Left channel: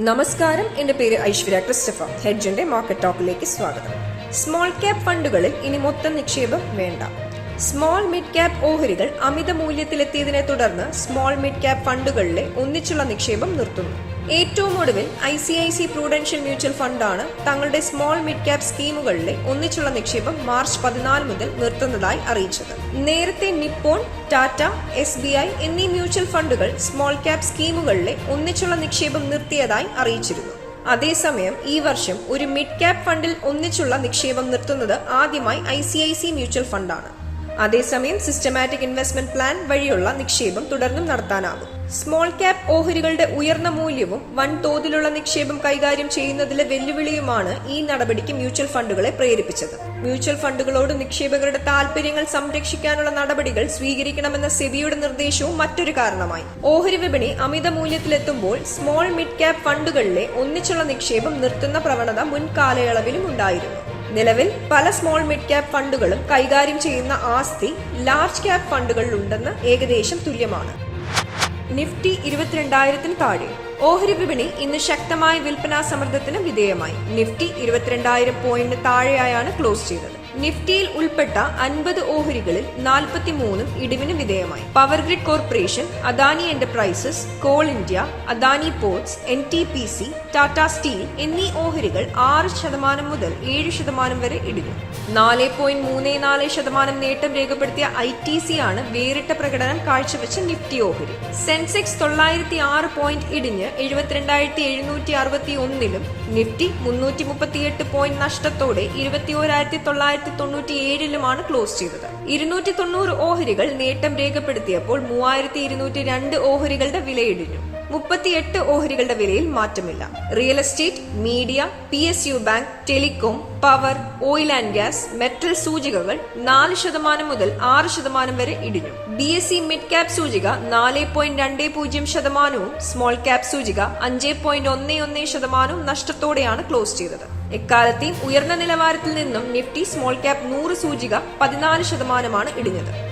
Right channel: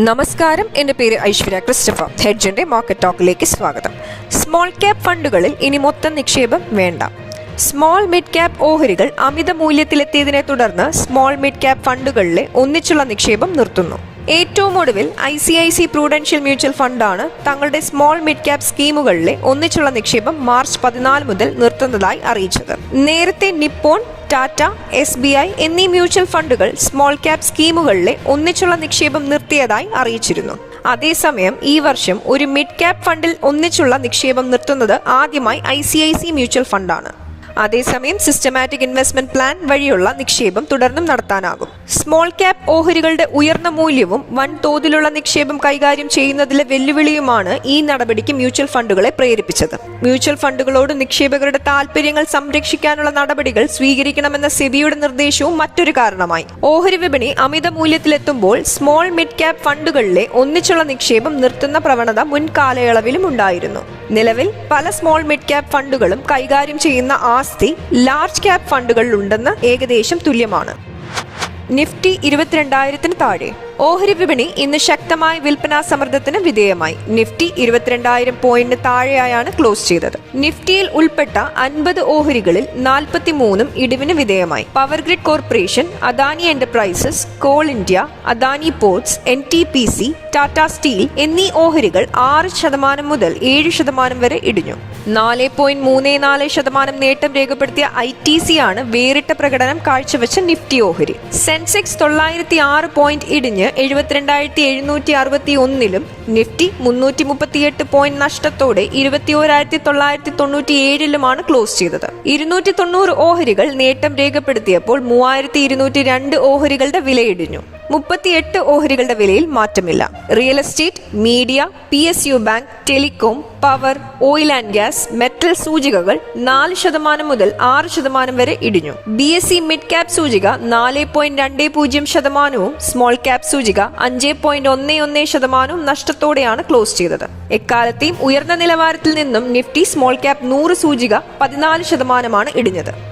നമസ്കാരം. എന്റെ പേര് ഐശ്വര്യ ക്രിസ്റ്റഫർ. ഹെഡ്ജന്റെ മാർക്കറ്റ് ടോക്കിലേക്ക് സ്വാഗതം. സ്മോൾ ക്യാപ് ഫണ്ടുകളിൽ ഇനി മൊത്തം നിക്ഷേപം വേണ്ട. സ്മോൾ മിഡ് ക്യാപ് ഓഹരികൾ അമിത മൂല്യത്തിലെത്തിയതിനെ തുടർന്ന് സ്മോൾ മിഡ് ക്യാപ് ഫണ്ടുകളിലെ ഒന്നിച്ചുള്ള നിക്ഷേപം നിർത്തുന്നു. ഏറ്റവും ഒടുവിൽ I C I C Prudential mutual ഫണ്ടാണ് തങ്ങളുടെ സ്മോൾ മിഡ് ക്യാപ് സ്കീമുകളിലെ ഒന്നിച്ചുള്ള നിക്ഷേപം മാർച്ച് പതിനാല് മുതൽ നിർത്തുന്നതായി അറിയിച്ചത്. നേരത്തെ Nippon Tata S B I എന്നീ മ്യൂച്വൽ ഫണ്ടുകൾ സ്മോൾ ക്യാപ് സ്കീമുകളിലെ ഒന്നിച്ചുള്ള നിക്ഷേപം നിർത്തിയതായി അറിയിച്ചിരുന്നു. അതേസമയം ഈ വർഷം ഒരു മിഡ് ക്യാപ് ഫണ്ടിൽ ഒന്നിച്ചുള്ള നിക്ഷേപം നിർത്തുന്നത് ആദ്യമായി I C I C mutual ഫണ്ടാണ്. അതേസമയം സിസ്റ്റമാറ്റിക് ഇൻവെസ്റ്റ്മെന്റ് പ്ലാൻ വഴിയുള്ള നിക്ഷേപം തുടർന്നും നടത്താനാകും. സ്മോൾ ക്യാപ് ഓഹരികളുടെ ഉയർന്ന മൂല്യവും വൻ തോതിലുള്ള നിക്ഷേപം കൈകാര്യം ചെയ്യുന്നതിലെ വെല്ലുവിളിയുമാണ് ഈ നടപടിക്ക് മ്യൂച്വൽ ഫണ്ടുകളെ പ്രേരിപ്പിച്ചത്. മ്യൂച്വൽ ഫണ്ടുകളോട് നിക്ഷേപകരുടെ താൽപര്യങ്ങൾ സംരക്ഷിക്കാനുള്ള നടപടികൾ സ്വീകരിക്കണമെന്ന സെബിയുടെ നിർദ്ദേശവും മറ്റൊരു കാരണമായി. ഓഹരി വിപണി അമിത മൂല്യത്തിലെത്തുമ്പോൾ സ്മോൾ മിഡ് ക്യാപ് ഫണ്ടുകളിലെ ഒന്നിച്ചുള്ള നിക്ഷേപം നിർത്തുന്ന പ്രവണത മുൻകാലയളവിലും ഉണ്ടായിരുന്നു. നിലവിൽ പല സ്മോൾ മിഡ് ക്യാപ് ഫണ്ടുകളും കൈകാര്യം ചെയ്യുന്ന ആസ്തി ലാർജ് ക്യാപ് ഫണ്ടുകളിലുണ്ടെന്ന് ഏകദേശം തുല്യമാണ്. നിഫ്റ്റി ഇരുപത്തിരണ്ടായിരത്തിന് താഴെ. ഓഹരി വിപണി ഇന്ന് ശക്തമായ വിൽപ്പനാ സമ്മർദ്ദത്തിന് വിധേയമായി. നിഫ്റ്റി ഇരുപത്തിരണ്ടായിരം പോയിന്റിന് താഴെയായാണ് ക്ലോസ് ചെയ്തത്. നിഫ്റ്റിയിൽ ഉൾപ്പെട്ട അൻപത് ഓഹരികളിൽ നാൽപ്പത്തി മൂന്നും ഇടിവിന് വിധേയമായി. Power grid corporation Adani enterprises coal India Adani ports N T P C Tata steel എന്നീ ഓഹരികൾ ആറ് ശതമാനം മുതൽ ഏഴ് ശതമാനം വരെ ഇടിഞ്ഞു. നാല് പോയിന്റ് മൂന്ന് നാല് ശതമാനം നേട്ടം രേഖപ്പെടുത്തിയ ഐ ടി സി ആണ് വേറിട്ട പ്രകടനം കാഴ്ചവെച്ച നിഫ്റ്റി ഓഹരി. സെൻസെക്സ് തൊള്ളായിരത്തി ആറ് പോയിന്റ് ഇടിഞ്ഞ് എഴുപത്തിരണ്ടായിരത്തി എഴുന്നൂറ്റി അറുപത്തി ഒന്നിലും നിഫ്റ്റി മുന്നൂറ്റി മുപ്പത്തിയെട്ട് പോയിന്റ് നഷ്ടത്തോടെ ഇരുപത്തി ഓരായിരത്തി തൊള്ളായിരത്തി തൊണ്ണൂറ്റി ഏഴിലുമാണ് ക്ലോസ് ചെയ്തത്. ഇരുന്നൂറ്റി തൊണ്ണൂറ് ഓഹരികൾ നേട്ടം രേഖപ്പെടുത്തിയപ്പോൾ മൂവായിരത്തി ഇരുന്നൂറ്റി രണ്ട് ഓഹരികളുടെ വിലയിടിഞ്ഞു. മുപ്പത്തിയെട്ട് ഓഹരികളുടെ വിലയിൽ മാറ്റമില്ല. Real estate media P S U bank telecom power oil and gas metal സൂചികകൾ നാല് ശതമാനം മുതൽ ആറ് ശതമാനം വരെ ഇടിഞ്ഞു. B S E mid cap സൂചിക നാല് പോയിന്റ് രണ്ട് പൂജ്യം ശതമാനവും സ്മോൾ ക്യാപ് സൂചിക അഞ്ച് പോയിന്റ് ഒന്ന് ഒന്ന് ശതമാനവും നഷ്ടത്തോടെയാണ് ക്ലോസ് ചെയ്തത്. എക്കാലത്തെയും ഉയർന്ന നിലവാരത്തിൽ നിന്നും നിഫ്റ്റി സ്മോൾ ക്യാപ് നൂറ് സൂചിക പതിനാല് ശതമാനമാണ് ഇടിഞ്ഞത്.